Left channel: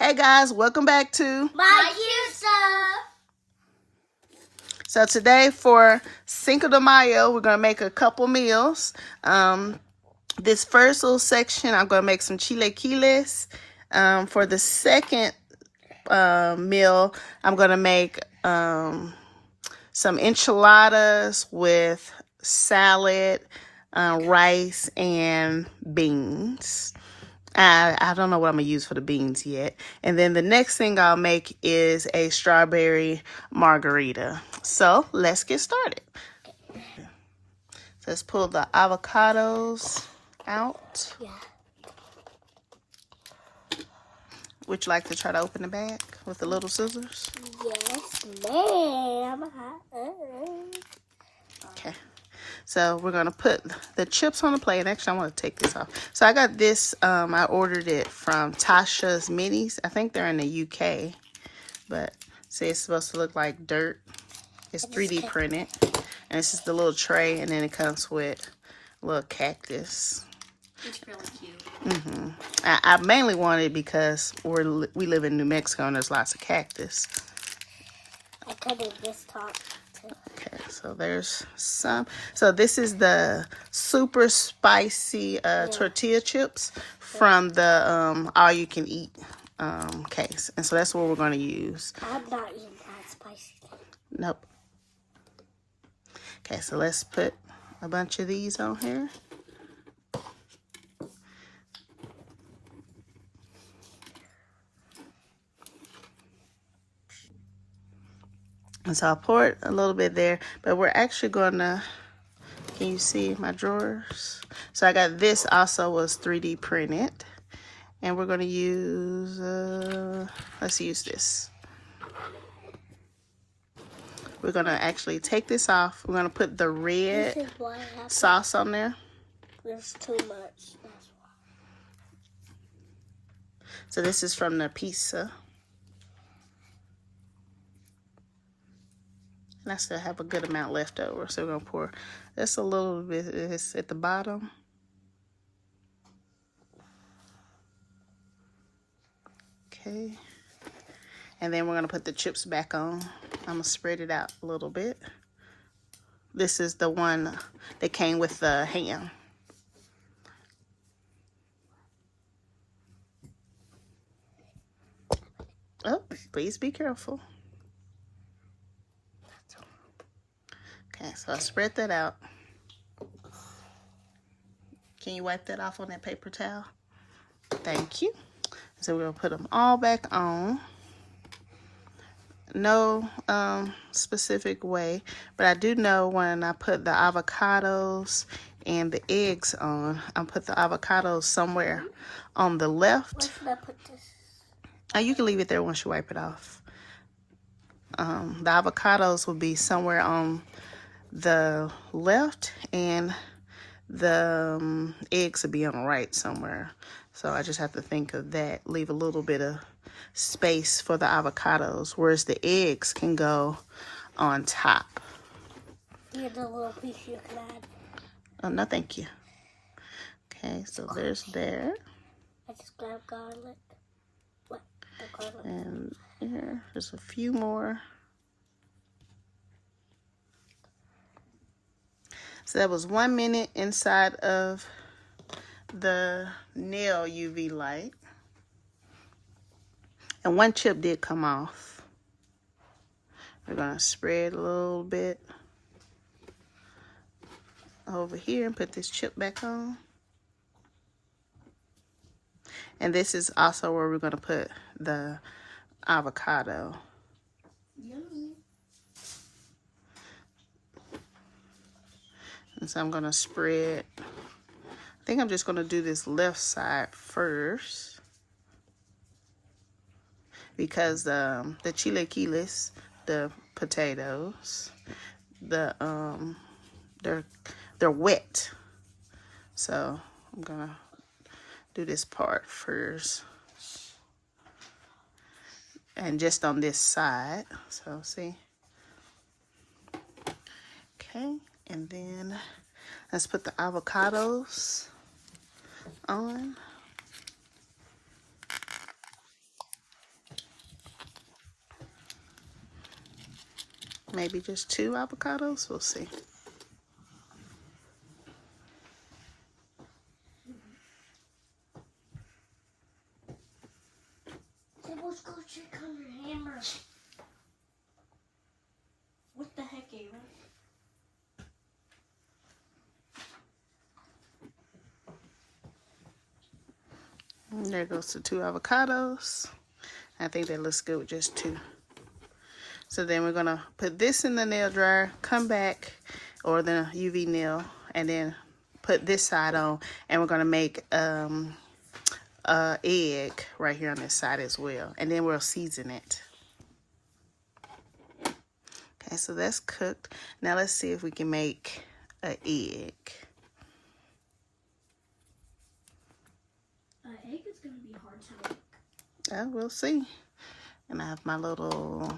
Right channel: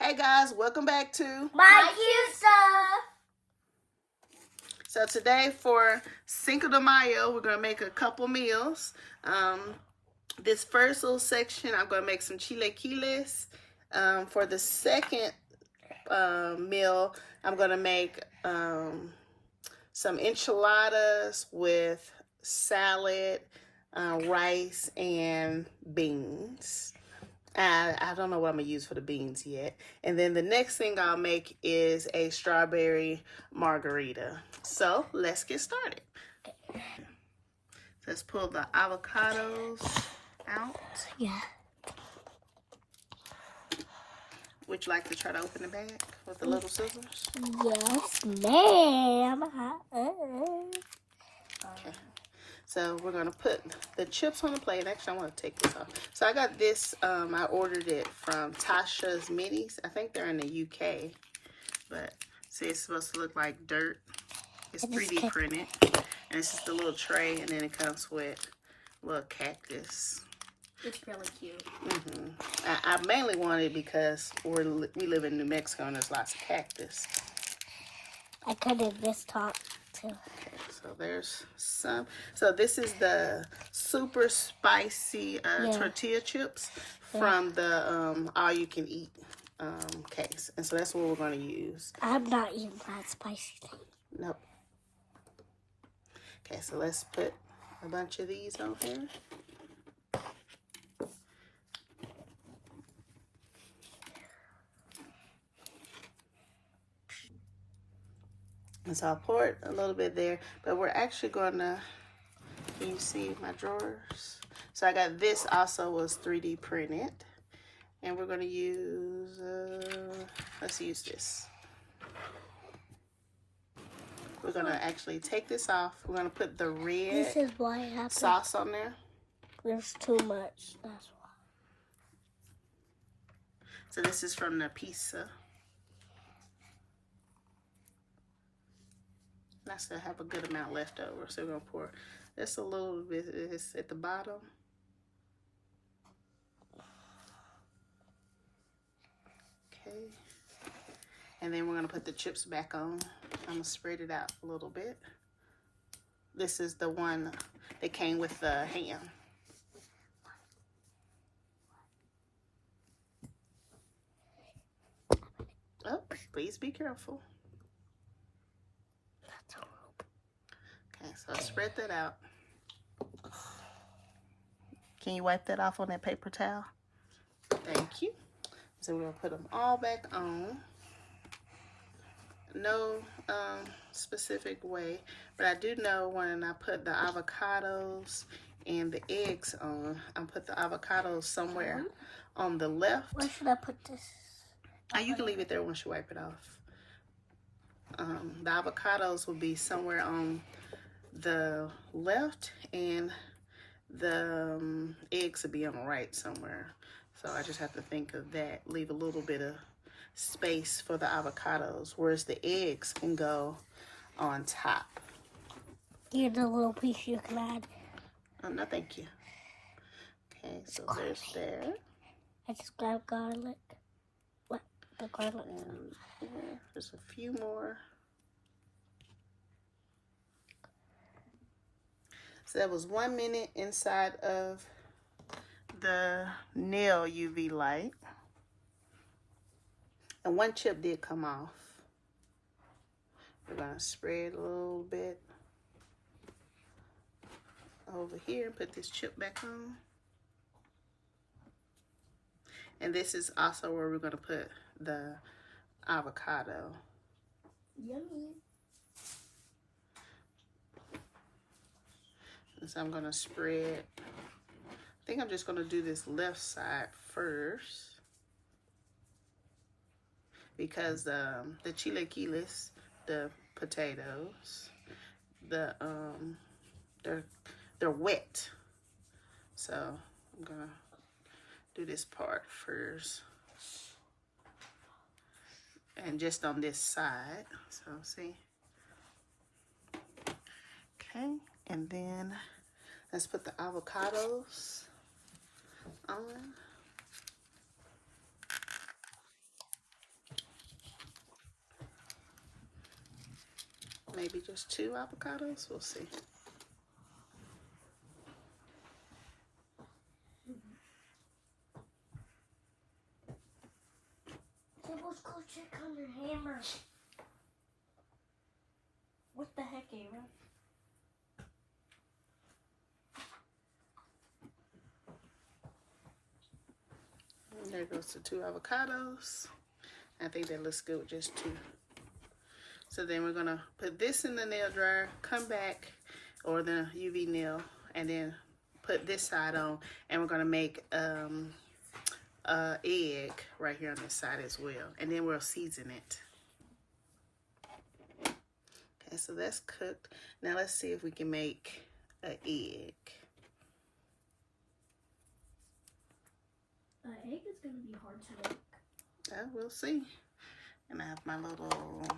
Hey guys, welcome back to My Cute Stuff. So today for Cinco de Mayo, we're gonna make a couple meals. This first little section, I'm gonna make some chilaquiles. For the second meal, I'm gonna make some enchiladas with salad, rice, and beans. I don't know what I'm going to use for the beans yet. And then the next thing I'll make is a strawberry margarita. So let's get started. So let's pull the avocados out. Yeah. Would you like to try to open the bag with the little scissors? Yes, ma'am. Okay. So we're going to put the chips on the plate. Actually, I want to take this off. So I got this. I ordered it from Tasha's Minis. I think they're in the UK. But see, it's supposed to look like dirt. It's 3D printed. And this is the little tray. And then it comes with a little cactus. It's really cute. I mainly wanted it because we live in New Mexico and there's lots of cactus. I could have this top too. Okay, so there's some. So this is the super spicy tortilla chips from the all-you-can-eat case. And so that's what we're going to use. I'm not eating that spicy thing. Nope. Okay, so let's put a bunch of these on here. And so I'll pour it a little bit there, but we're actually going to, can you see my drawers? So I got this also was 3D printed. And we're going to use, let's use this. We're going to actually take this off. We're going to put the red sauce on there. There's too much. That's why. So this is from the pizza. And I still have a good amount left over. So we're going to pour just a little bit at the bottom. Okay. And then we're going to put the chips back on. I'm going to spread it out a little bit. This is the one that came with the ham. Oh, please be careful. Okay, so I spread that out. Can you wipe that off on that paper towel? Thank you. So we're going to put them all back on. No specific way, but I do know when I put the avocados and the eggs on, I put the avocados somewhere on the left. Where should I put this? You can leave it there once you wipe it off. The avocados will be somewhere on the left, and the eggs will be on the right somewhere. So I just have to think of that. Leave a little bit of space for the avocados, whereas the eggs can go on top. Here's a little piece you can add. Oh, no, thank you. Okay, so there's there. I just grabbed garlic. What? The garlic. And here, there's a few more. So that was 1 minute inside of the nail UV light. And one chip did come off. We're going to spread a little bit over here and put this chip back on. And this is also where we're going to put the avocado. Yummy. And so I'm going to spread. I think I'm just going to do this left side first. Because the chilaquiles, the potatoes, they're wet. So I'm gonna do this part first, and just on this side. So see, okay, and then let's put the avocados on. maybe just 2 avocados. We'll see. Let's go check on your hammer. What the heck, Ava? There goes the 2 avocados. I think that looks good with just 2. So then we're gonna put this in the nail dryer, come back, or the UV nail, and then put this side on, and we're gonna make egg right here on this side as well, and then we'll season it. Okay, so that's cooked. Now let's see if we can make an egg. Egg is gonna be hard to make. We'll see. And I have my little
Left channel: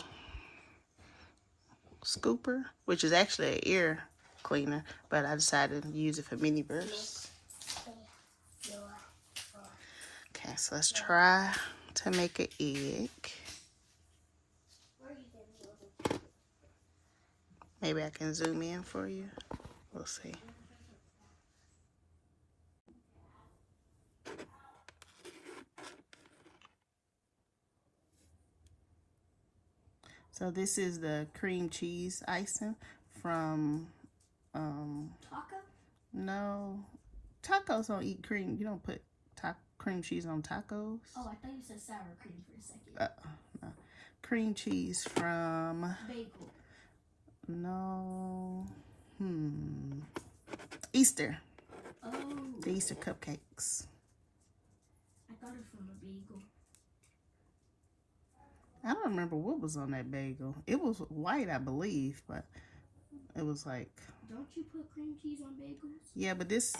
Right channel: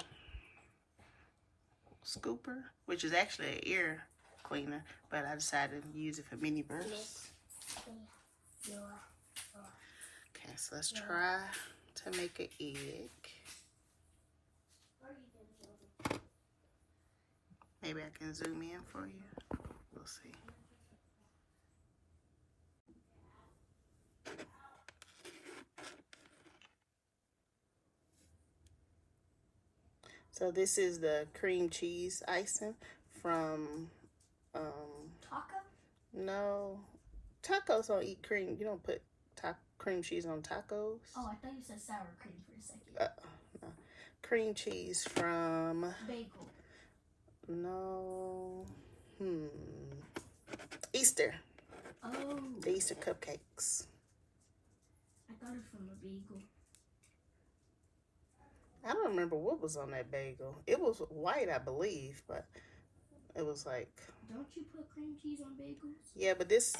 scooper, which is actually an ear cleaner, but I decided to use it for Miniverse. Okay, so let's try to make an egg. Maybe I can zoom in for you. We'll see. So this is the cream cheese icing from Taco? no, tacos don't eat cream. You don't put cream cheese on tacos. Oh, I thought you said sour cream for a second. No. Cream cheese from Bagel. no, Easter. Oh. The Easter cupcakes. I thought it was from a bagel. I don't remember what was on that bagel. It was white, I believe, but it was like. Don't you put cream cheese on bagels? Yeah, but this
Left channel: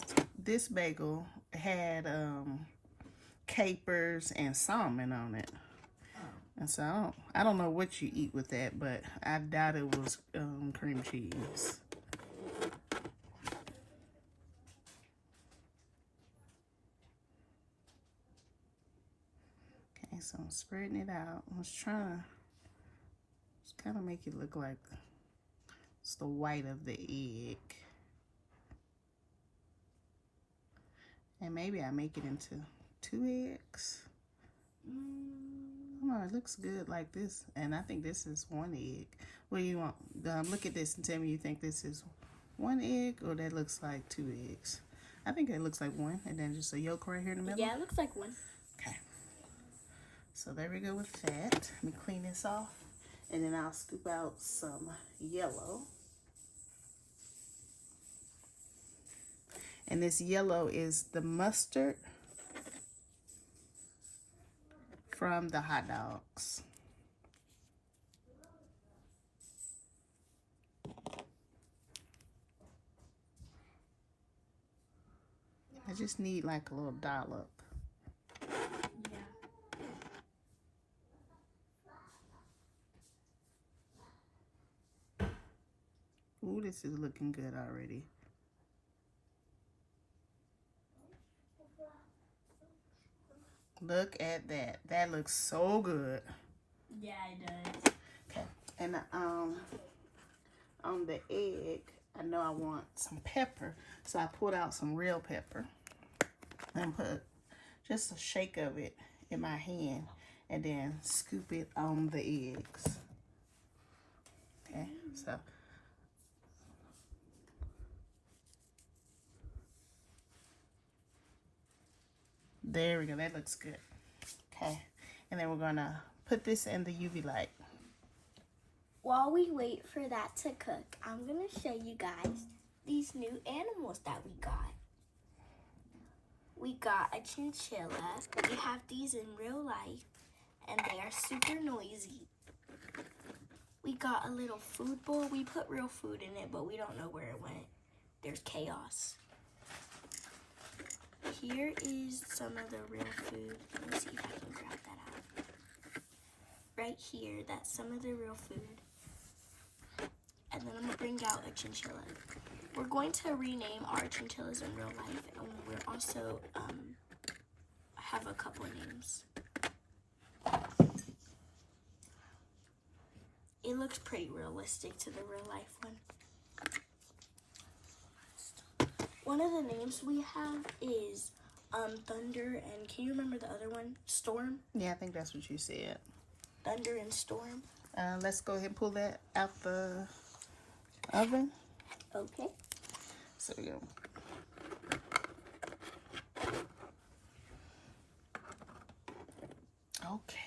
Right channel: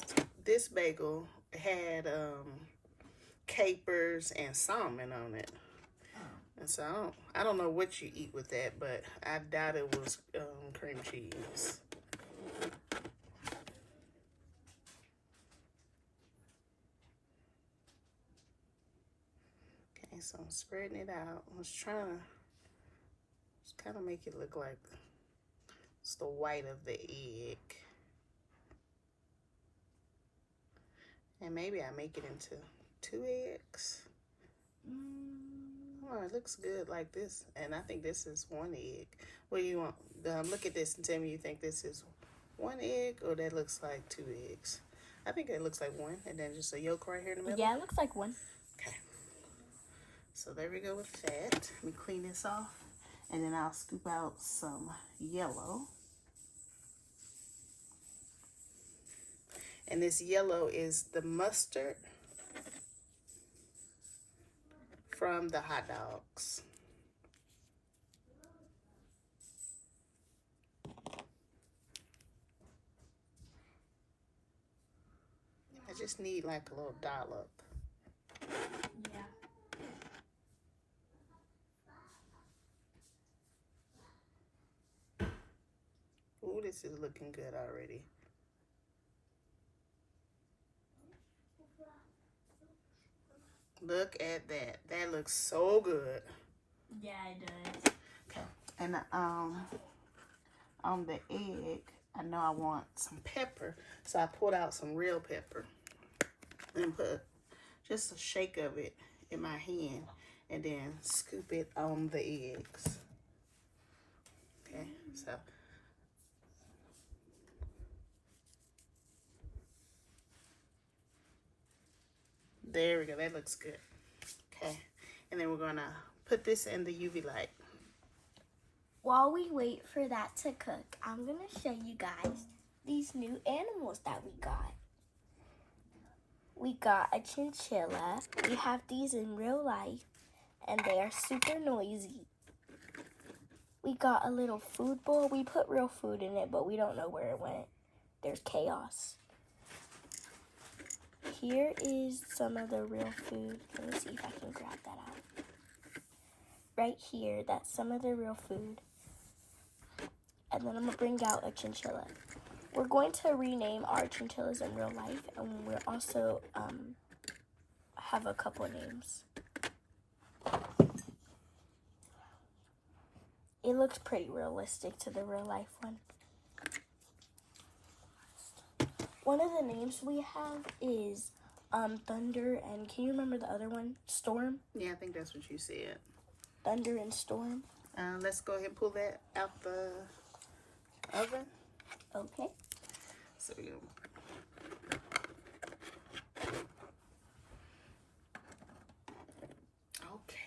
bagel had capers and salmon on it. Oh. And so I don't know what you eat with that, but I doubt it was cream cheese. Okay, so I'm spreading it out. I was trying to just kind of make it look like it's the white of the egg. And maybe I make it into 2 eggs. Oh, it looks good like this. And I think this is 1 egg. What do you want? Look at this and tell me you think this is 1 egg or that looks like 2 eggs. I think it looks like 1, and then just a yolk right here in the middle. Yeah, it looks like 1. Okay. So there we go with that. Let me clean this off, and then I'll scoop out some yellow. And this yellow is the mustard from the hot dogs. I just need like a little dollop. Yeah. Ooh, this is looking good already. Look at that. That looks so good. Yeah, it does. Okay. And on the egg, I know I want some pepper, so I pulled out some real pepper and put just a shake of it in my hand and then scoop it on the eggs. Okay, so there we go. That looks good. Okay, and then we're gonna put this in the UV light. While we wait for that to cook, I'm going to show you guys these new animals that we got. We got a chinchilla. We have these in real life, and they are super noisy. We got a little food bowl. We put real food in it, but we don't know where it went. There's chaos. Here is some of the real food. Let me see if I can grab that out. Right here, that's some of the real food. And then I'm going to bring out a chinchilla. We're going to rename our chinchillas in real life, and we're also have a couple names. It looks pretty realistic to the real life one. One of the names we have is Thunder, and can you remember the other one? Storm? Yeah, I think that's what you said. Thunder and Storm. Let's go ahead and pull that out the oven. Okay. So you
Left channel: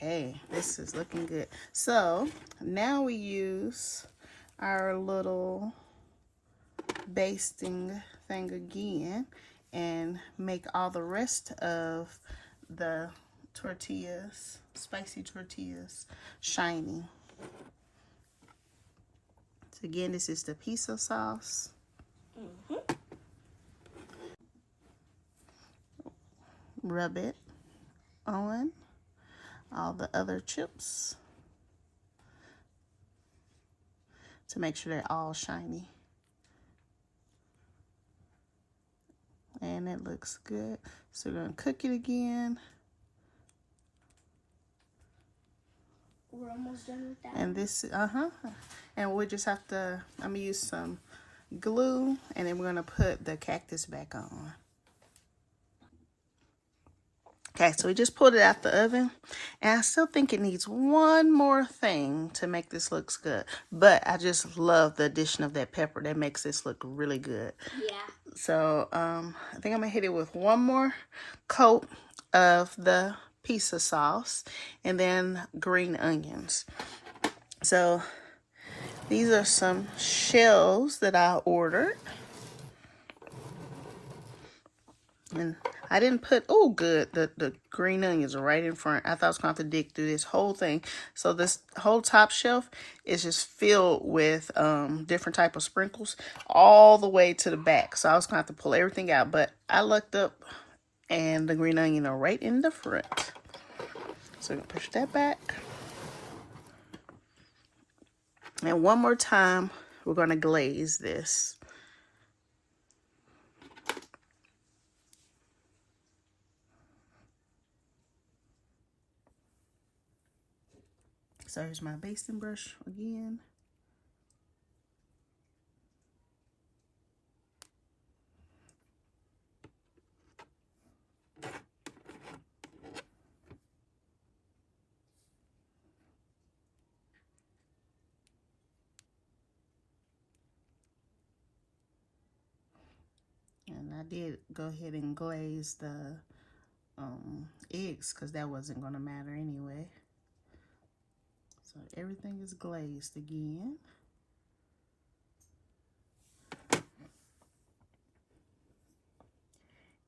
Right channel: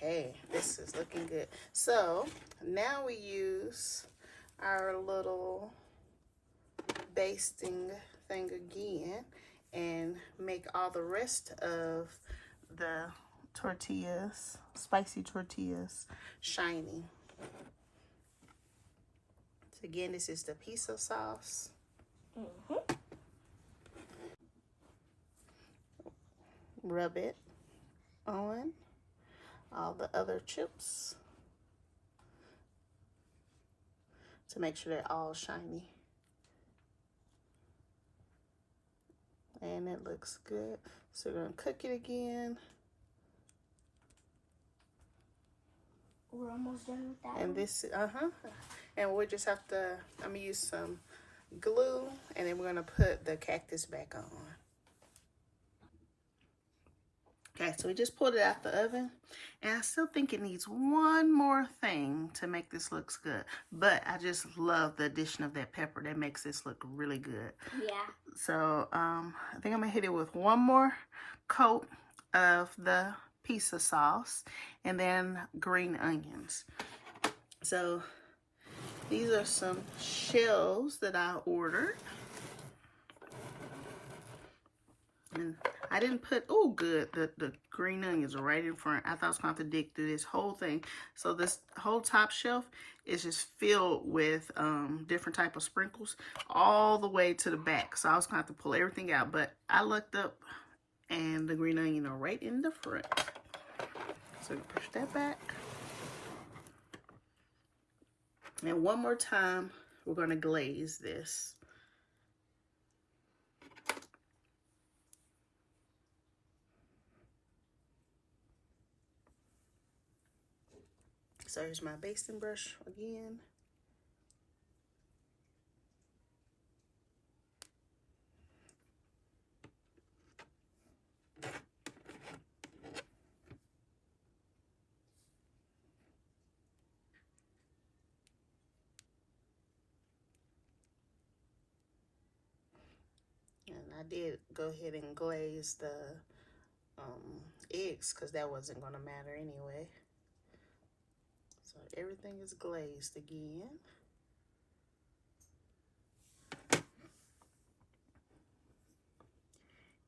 Okay, this is looking good. So now we use our little basting thing again and make all the rest of the tortillas, spicy tortillas, shiny. So again, this is the pizza sauce. Rub it on all the other chips to make sure they're all shiny. And it looks good. So we're gonna cook it again. We're almost done with that. And this, and we just have to, I'm gonna use some glue, and then we're gonna put the cactus back on. Okay, so we just pulled it out the oven, and I still think it needs one more thing to make this look good. But I just love the addition of that pepper. That makes this look really good. Yeah. So I think I'm gonna hit it with one more coat of the pizza sauce, and then green onions. So these are some shells that I ordered. And I didn't put, oh good, the green onions are right in front. I thought I was going to have to dig through this whole thing. So this whole top shelf is just filled with different type of sprinkles all the way to the back. So I was going to have to pull everything out. But I looked up and the green onion are right in the front. So we're going to push that back. And one more time, we're going to glaze this. So here's my basting brush again. And I did go ahead and glaze the eggs because that wasn't going to matter anyway. So everything is glazed again.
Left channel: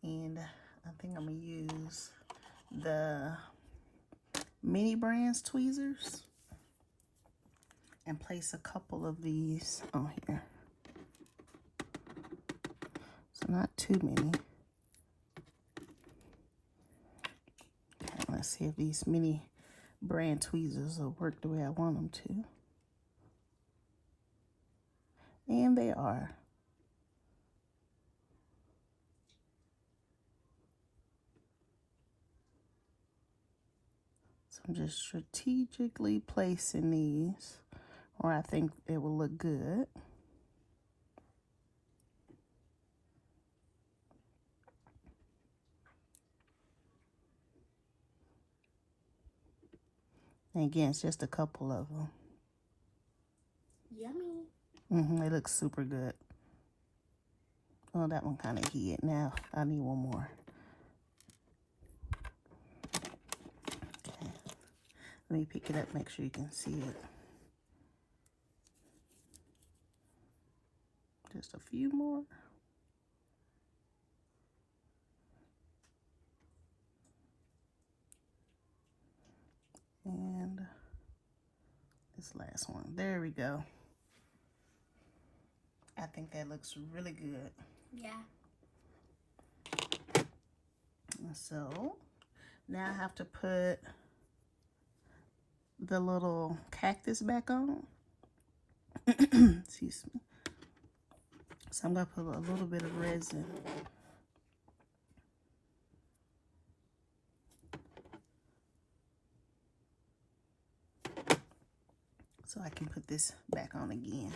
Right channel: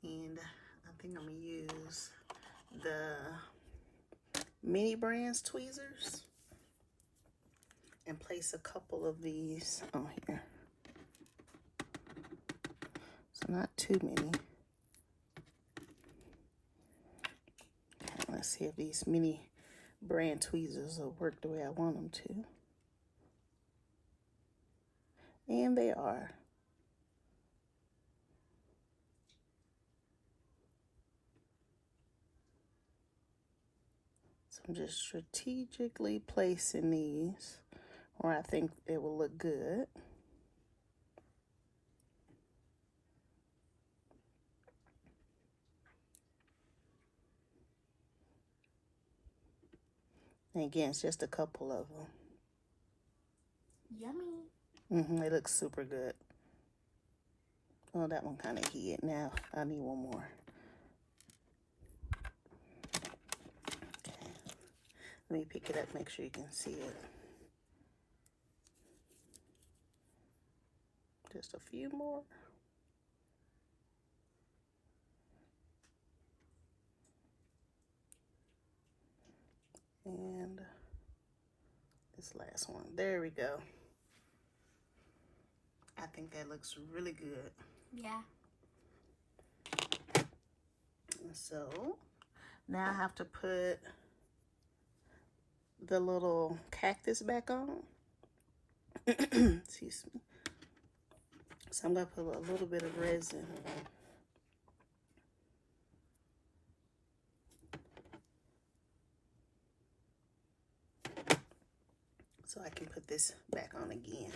And I think I'm going to use the Mini Brands tweezers and place a couple of these on here. So not too many. Okay, let's see if these Mini Brand tweezers will work the way I want them to. And they are. So I'm just strategically placing these where I think it will look good. And again, it's just a couple of them. Yummy. It looks super good. Oh, that one kind of hid. Now I need one more. Okay. Let me pick it up, make sure you can see it. Just a few more. And this last one. There we go. I think that looks really good. Yeah. So now I have to put the little cactus back on. Excuse me. So I'm going to put a little bit of resin. So so I can put this back on again.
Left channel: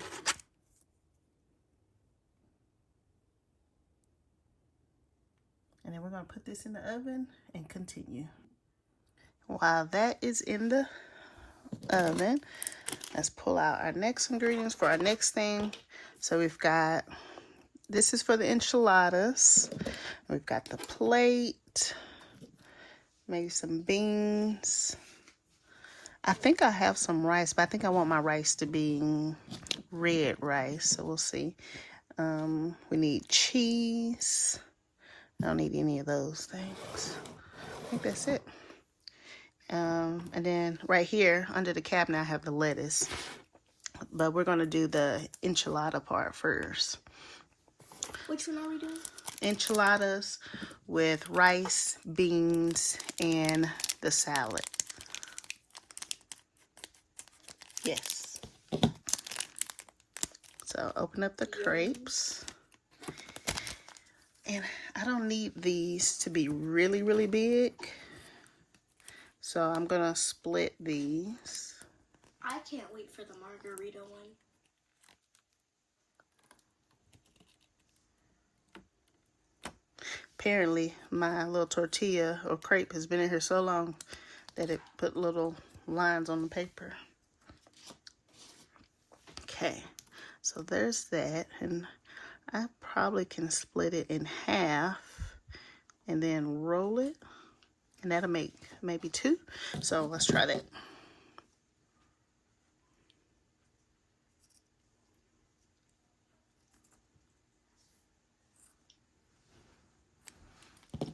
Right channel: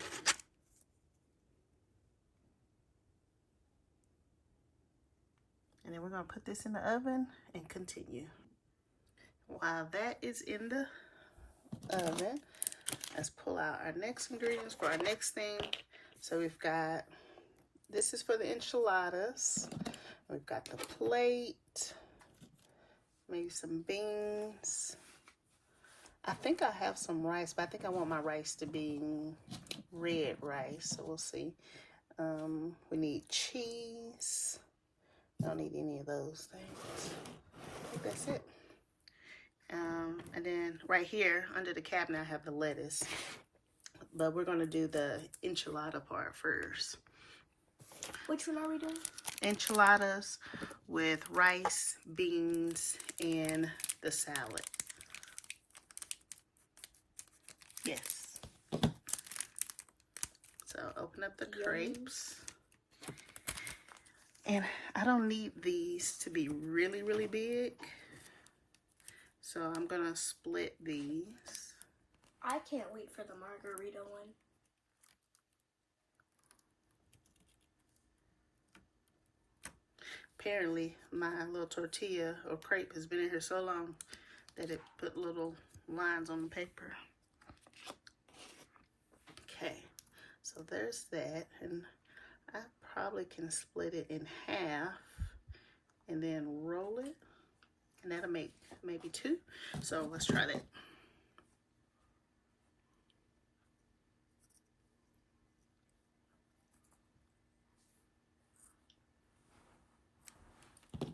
And then we're going to put this in the oven and continue. While that is in the oven, let's pull out our next ingredients for our next thing. So we've got, this is for the enchiladas. We've got the plate, maybe some beans. I think I have some rice, but I think I want my rice to be red rice, so we'll see. We need cheese. I don't need any of those things. I think that's it. And then right here under the cabinet, I have the lettuce. But we're going to do the enchilada part first. Which one are we doing? Enchiladas with rice, beans, and the salad. Yes. So open up the crepes. And I don't need these to be really, really big. So I'm going to split these. I can't wait for the margarita one. Apparently, my little tortilla or crepe has been in here so long that it put little lines on the paper. Okay, so there's that. And I probably can split it in half and then roll it. And that'll make maybe 2. So let's try that.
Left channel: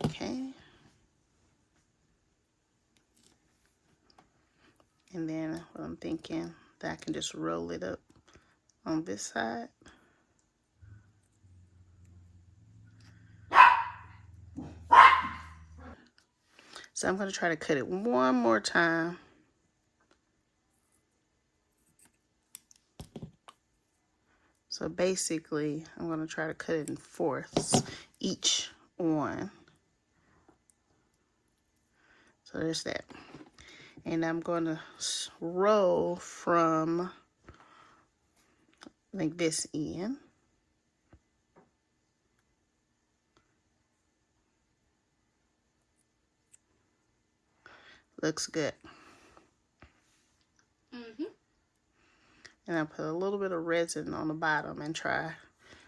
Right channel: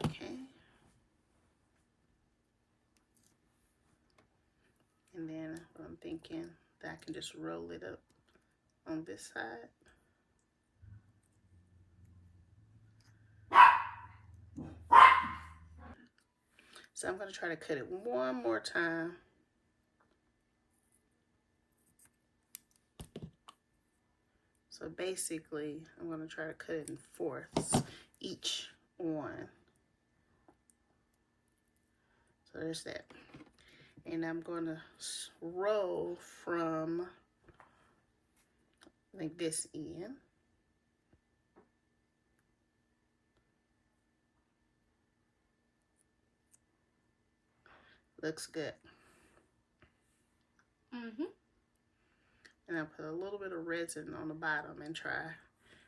Okay. And then what I'm thinking, that I can just roll it up on this side. So I'm going to try to cut it one more time. So basically, I'm going to try to cut it in 4ths, each one. So there's that. And I'm going to roll from, I think, this end. Looks good. And I put a little bit of resin on the bottom and try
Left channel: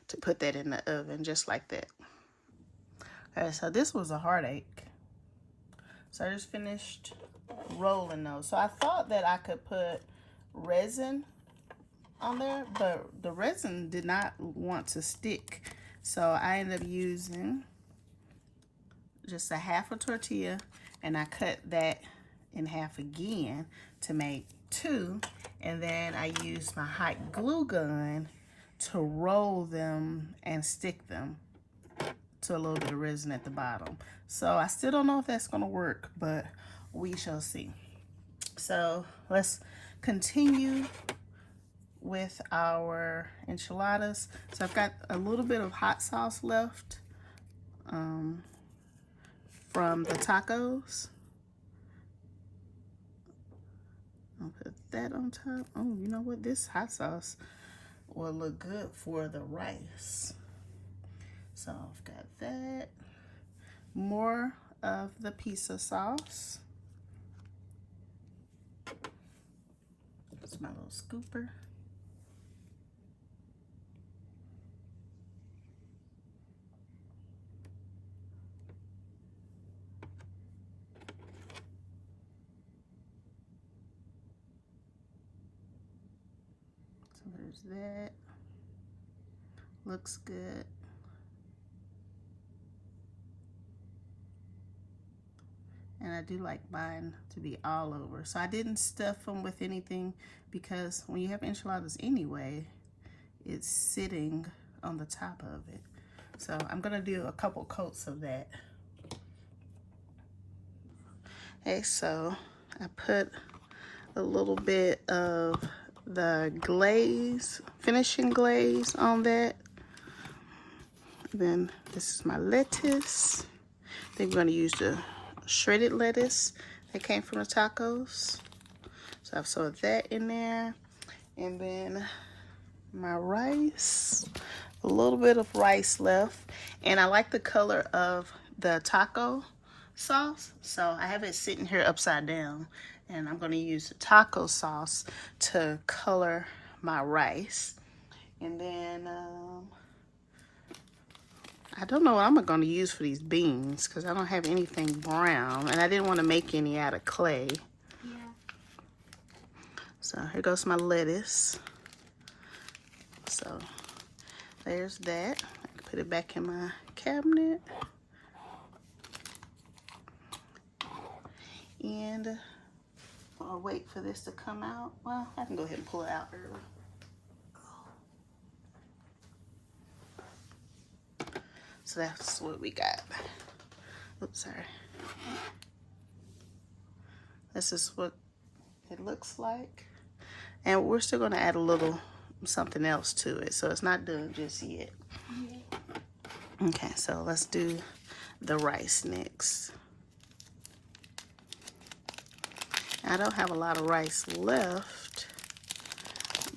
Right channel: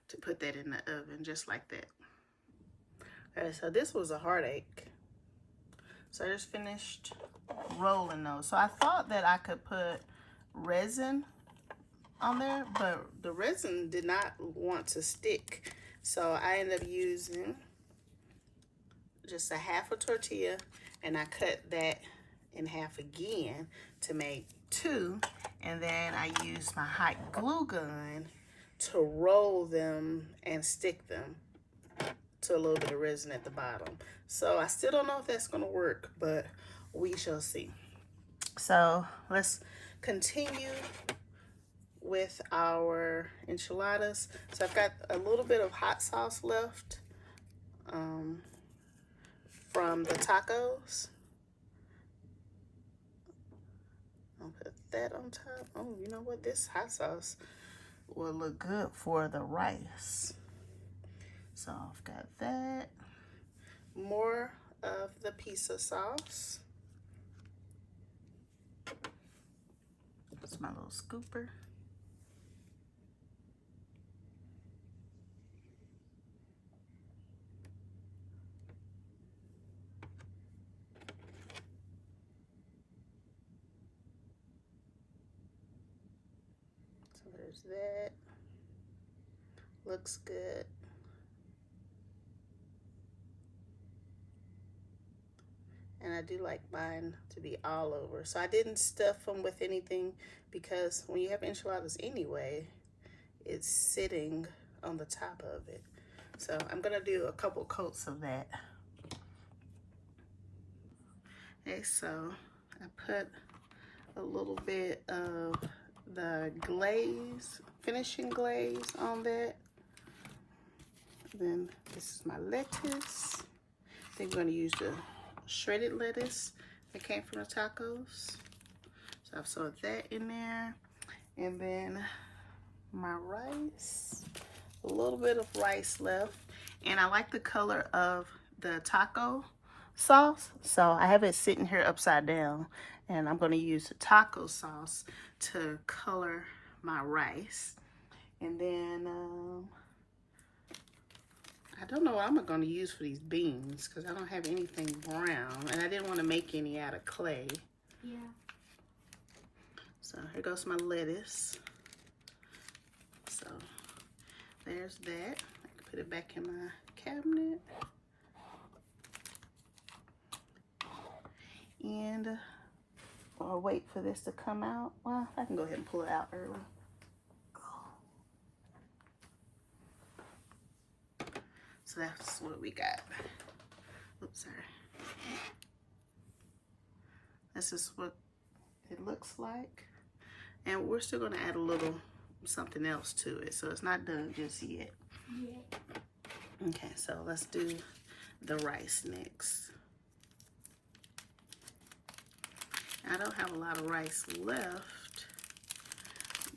to put that in the oven just like that. Alright, so this was a heartache. So I just finished rolling those. So I thought that I could put resin on there, but the resin did not want to stick. So I ended up using just a half a tortilla, and I cut that in half again to make 2. And then I used my hot glue gun to roll them and stick them to a little bit of resin at the bottom. So I still don't know if that's gonna work, but we shall see. So let's continue with our enchiladas. So I've got a little bit of hot sauce left from the tacos. I'll put that on top. Oh, you know what? This hot sauce will look good for the rice. So I've got that. More of the pizza sauce. That's my little scooper. So there's that. Looks good. And I do like mine to be all over. So I didn't stuff them with anything because when you have enchiladas anyway, it's sitting on the top of it. So I'm gonna do a couple coats of that. Okay, so I put a little bit of the glaze, finishing glaze on that. Then this is my lettuce. Then we're gonna use the shredded lettuce that came from the tacos. So I've sewed that in there. And then my rice, a little bit of rice left. And I like the color of the taco sauce, so I have it sitting here upside down, and I'm going to use the taco sauce to color my rice. And then I don't know what I'm going to use for these beans because I don't have anything brown, and I didn't want to make any out of clay. Yeah. So here goes my lettuce. So there's that. I can put it back in my cabinet. And I'll wait for this to come out. Well, I can go ahead and pull it out early. So that's what we got. Oops, sorry. This is what it looks like. And we're still going to add a little something else to it. So it's not done just yet. Yeah. Okay, so let's do the rice next. I don't have a lot of rice left,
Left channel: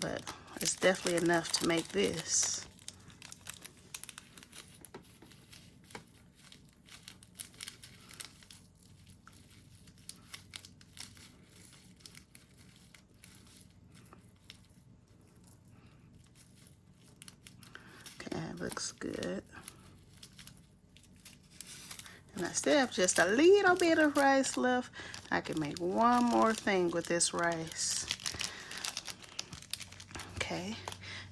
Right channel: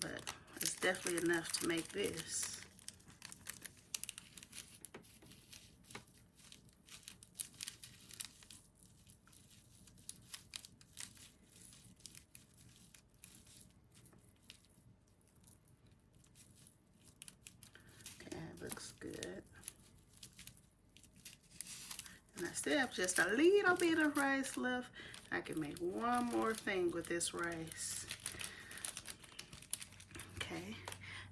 but it's definitely enough to make this. Looks good. And I still have just a little bit of rice left. I can make one more thing with this rice. Okay,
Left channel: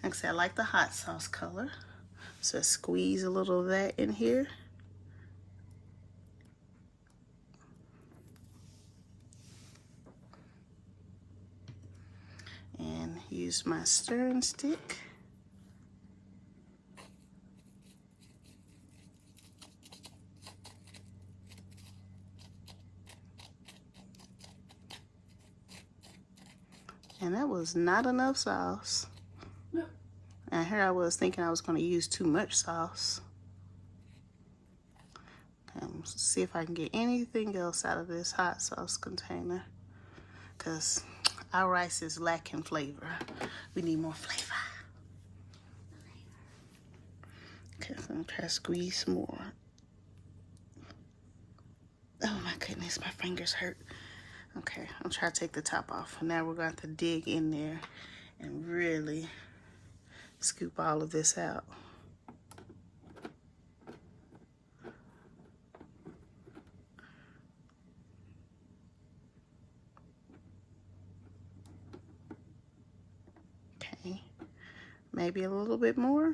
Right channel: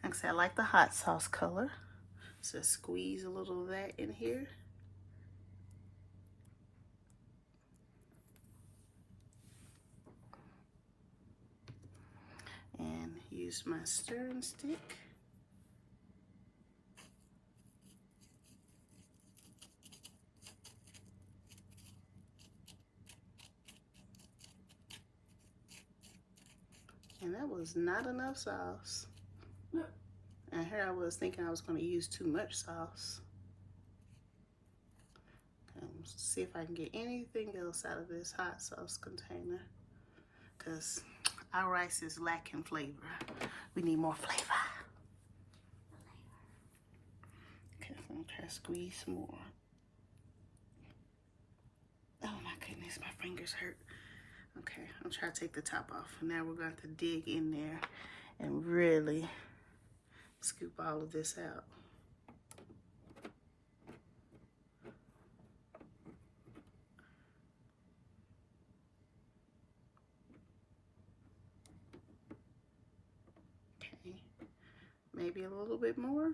like I said, I like the hot sauce color, so squeeze a little of that in here. And use my stirring stick. And that was not enough sauce. No. And here I was thinking I was going to use too much sauce. Okay, let's see if I can get anything else out of this hot sauce container, because our rice is lacking flavor. We need more flavor. Okay, so I'm going to try to squeeze some more. Oh my goodness, my fingers hurt. Okay, I'll try to take the top off. Now we're going to dig in there and really scoop all of this out. Okay, maybe a little bit more.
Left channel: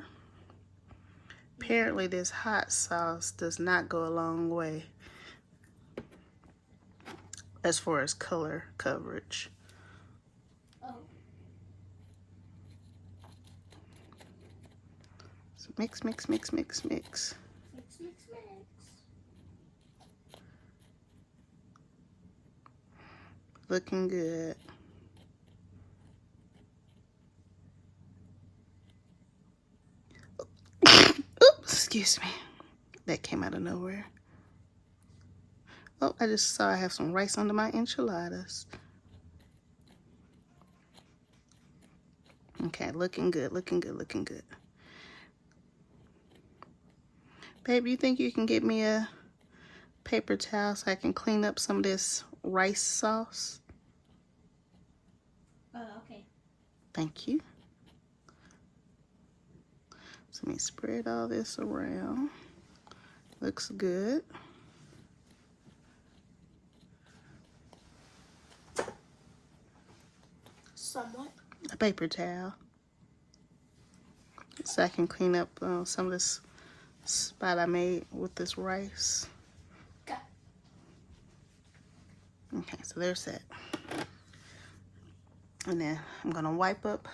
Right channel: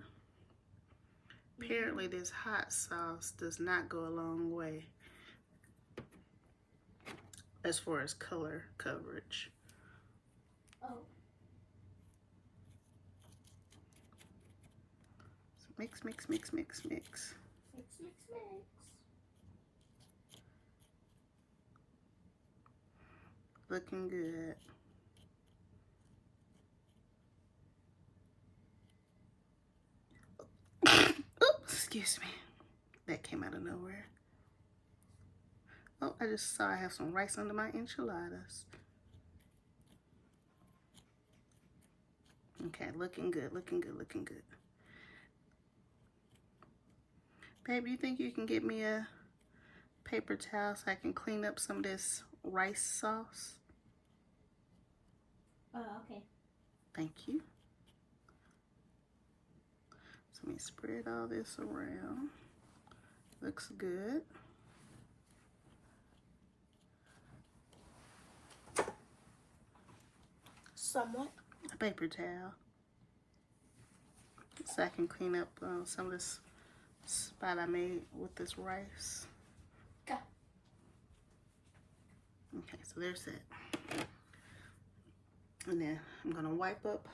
Apparently this hot sauce does not go a long way as far as color coverage. Oh. So mix, mix, mix, mix, mix. Mix, mix, mix. Looking good. Oops, excuse me. That came out of nowhere. Oh, I just saw I have some rice under my enchiladas. Okay, looking good, looking good, looking good. Babe, you think you can get me a paper towel so I can clean up some of this rice sauce? Oh, okay. Thank you. So let me spread all this around. Looks good. Somewhat. A paper towel. So I can clean up some of this spot I made with this rice. Okay. Okay, so there's that. And then I'm gonna wipe up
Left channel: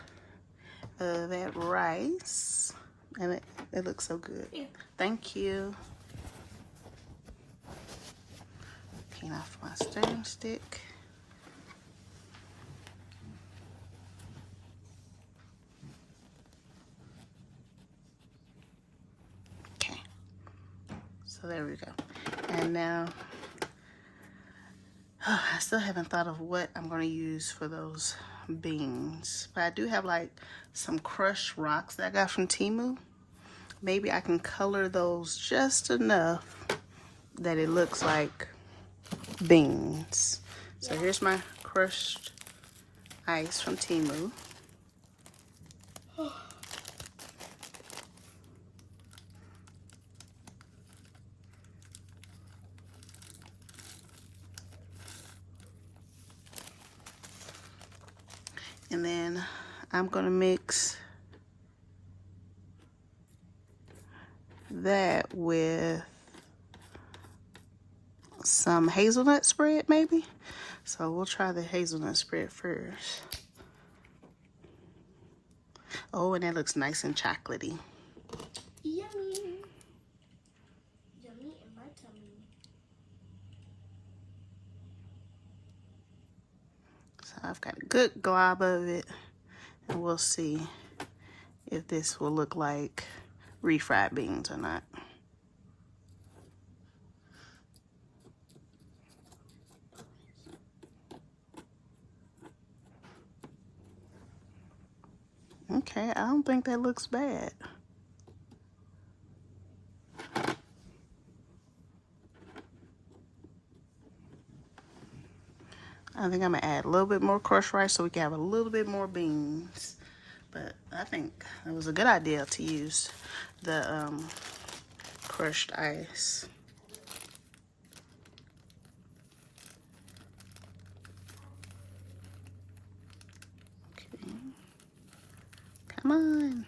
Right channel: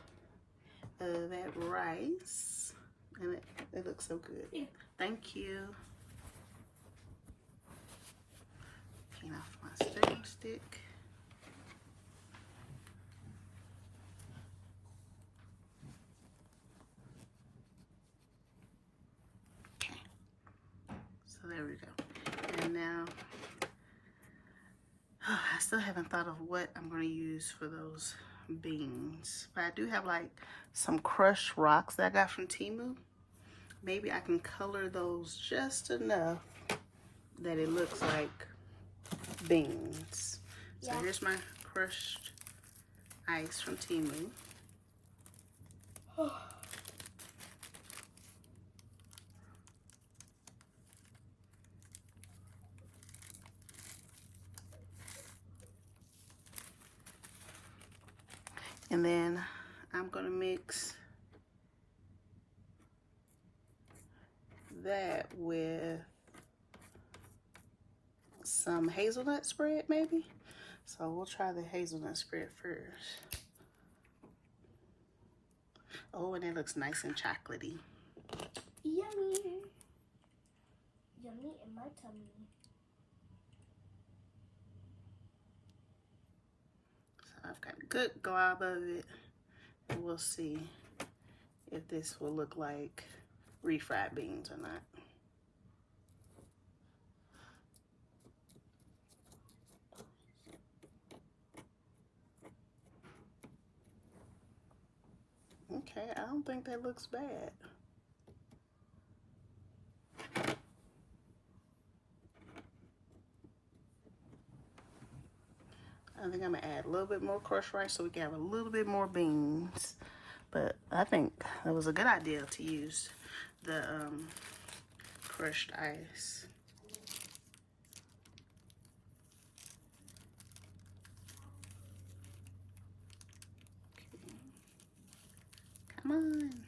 that rice. And it looks so good. Yeah. Thank you. Clean off my stirring stick. Okay. So there we go. And now, I still haven't thought of what I'm going to use for those beans. But I do have like some crushed rocks that I got from Temu. Maybe I can color those just enough that it looks like beans. So here's my crushed ice from Temu. And then I'm gonna mix that with some hazelnut spread maybe. So we'll try the hazelnut spread first. Oh, and that looks nice and chocolatey. Yummy. Yummy in my tummy. So I've got a good glob of it. And we'll see if this will look like refried beans or not. Okay, I don't think that looks bad. I think I'm gonna add a little bit more crushed rice so we can have a little bit more beans. But I think it was a good idea to use the crushed ice. Okay. Come on.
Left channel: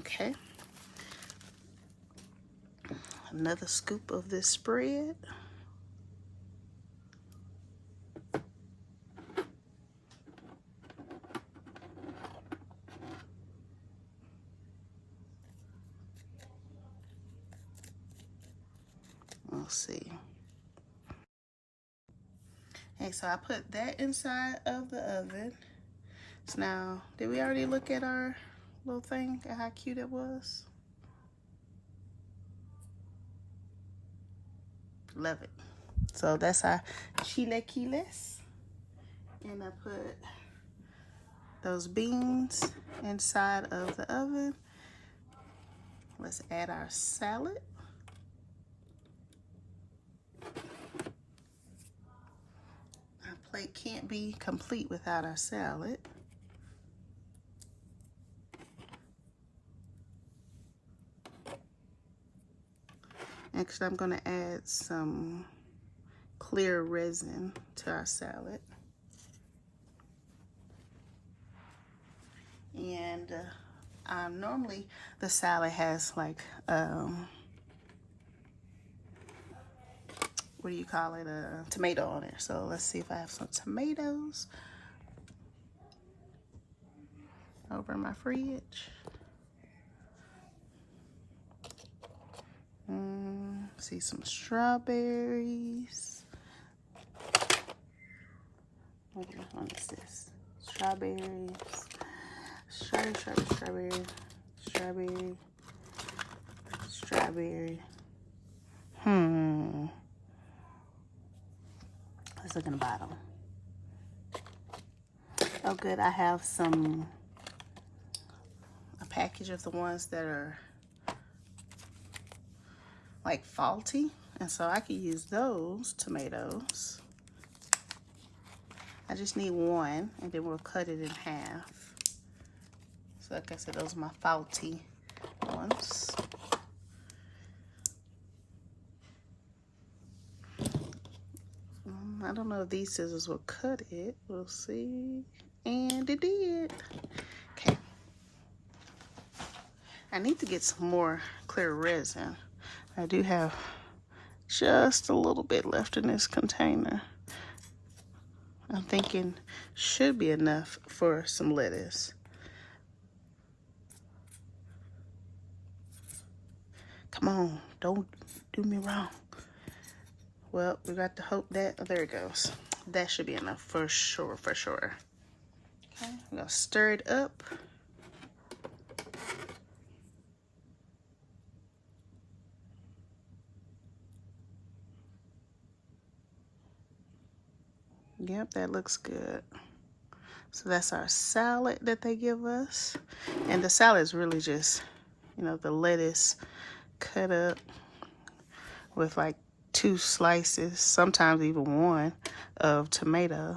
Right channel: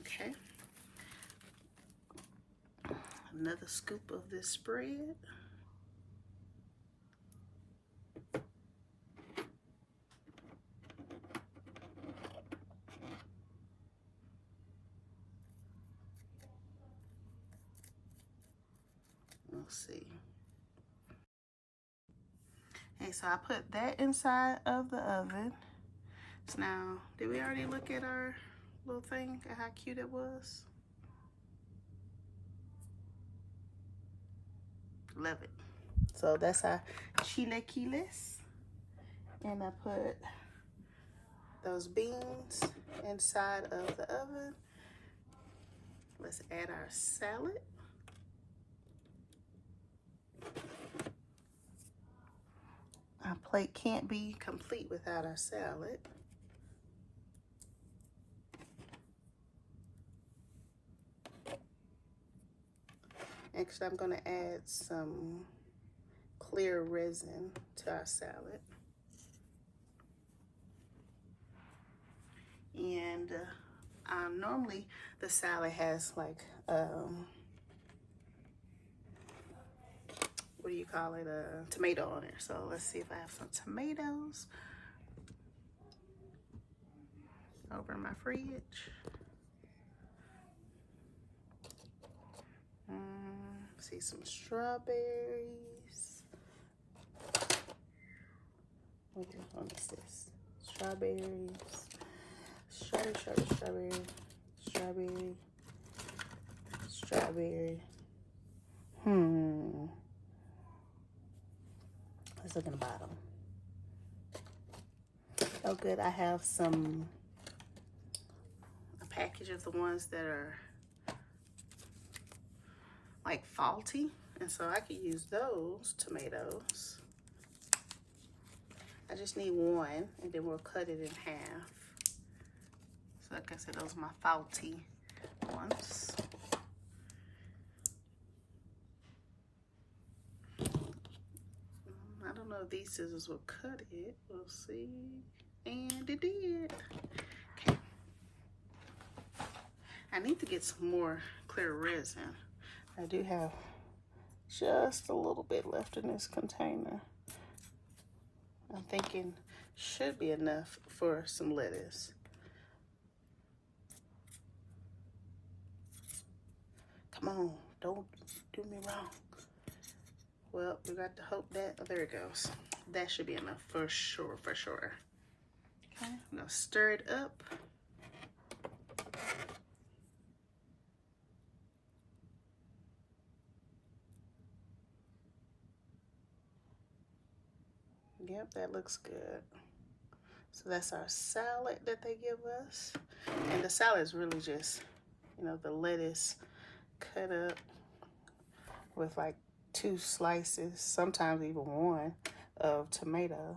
Okay. Another scoop of this spread. We'll see. Okay, so I put that inside of the oven. So now, did we already look at our little thing at how cute it was? Love it. So that's our chilaquiles. And I put those beans inside of the oven. Let's add our salad. Our plate can't be complete without our salad. Next, I'm gonna add some clear resin to our salad. And normally the salad has like, what do you call it, a tomato on it. So let's see if I have some tomatoes over in my fridge. See some strawberries. What is this? Strawberries. Strawberry. Let's look in the bottom. Oh good, I have a package of the ones that are like faulty, and so I could use those tomatoes. I just need one, and then we'll cut it in half. So like I said, those are my faulty ones. I don't know if these scissors will cut it. We'll see. And it did. Okay. I need to get some more clear resin. I do have just a little bit left in this container. I'm thinking should be enough for some lettuce. Come on, don't do me wrong. Well, we got to hope that, there it goes. That should be enough for sure, for sure. Okay, I'm gonna stir it up. Yep, that looks good. So that's our salad that they give us. And the salad is really just, you know, the lettuce cut up with like 2 slices, sometimes even 1, of tomato.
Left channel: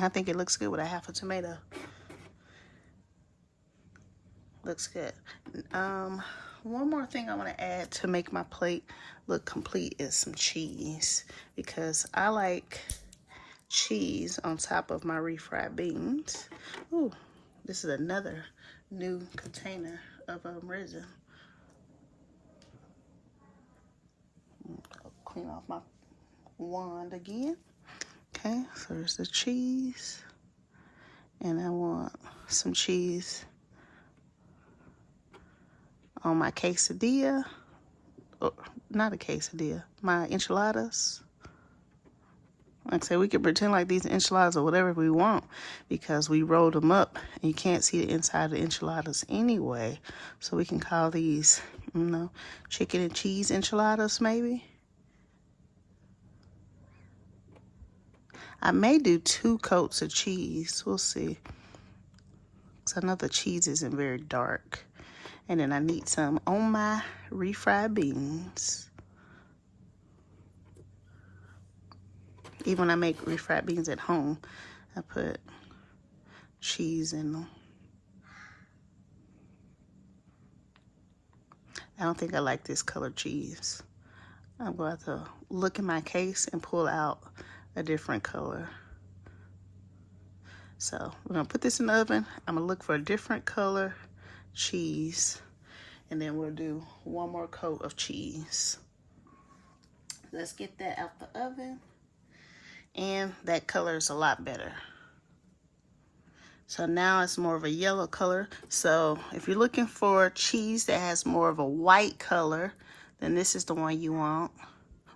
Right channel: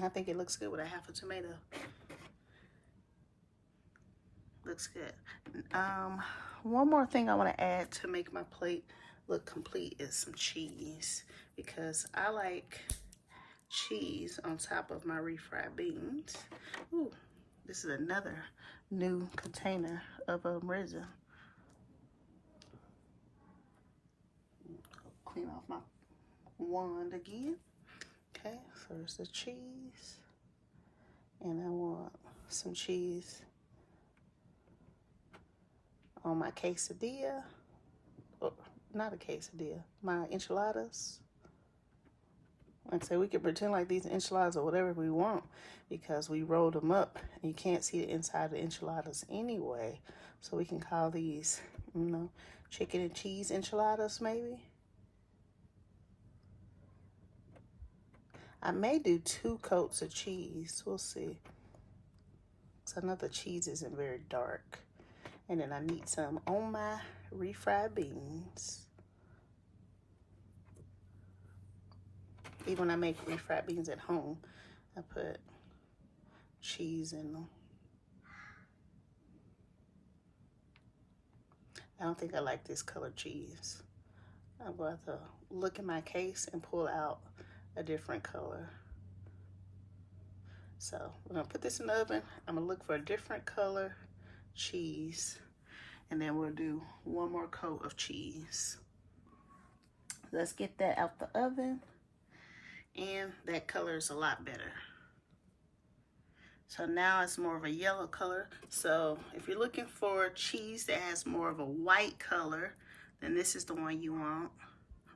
I think it looks good with a half a tomato. Looks good. One more thing I want to add to make my plate look complete is some cheese, because I like cheese on top of my refried beans. Ooh, this is another new container of resin. I'll clean off my wand again. Okay, so there's the cheese, and I want some cheese on my quesadilla, or not a quesadilla, my enchiladas. Like I said, we can pretend like these enchiladas or whatever we want, because we rolled them up and you can't see the inside of the enchiladas anyway. So we can call these, you know, chicken and cheese enchiladas maybe. I may do 2 coats of cheese. We'll see. Because I know the cheese isn't very dark. And then I need some on my refried beans. Even when I make refried beans at home, I put cheese in them. I don't think I like this color cheese. I'm going to have to look in my case and pull out a different color. So we're going to put this in the oven. I'm going to look for a different color cheese, and then we'll do 1 more coat of cheese. Let's get that out the oven, and that color is a lot better. So now it's more of a yellow color. So if you're looking for cheese that has more of a white color, then this is the one you want,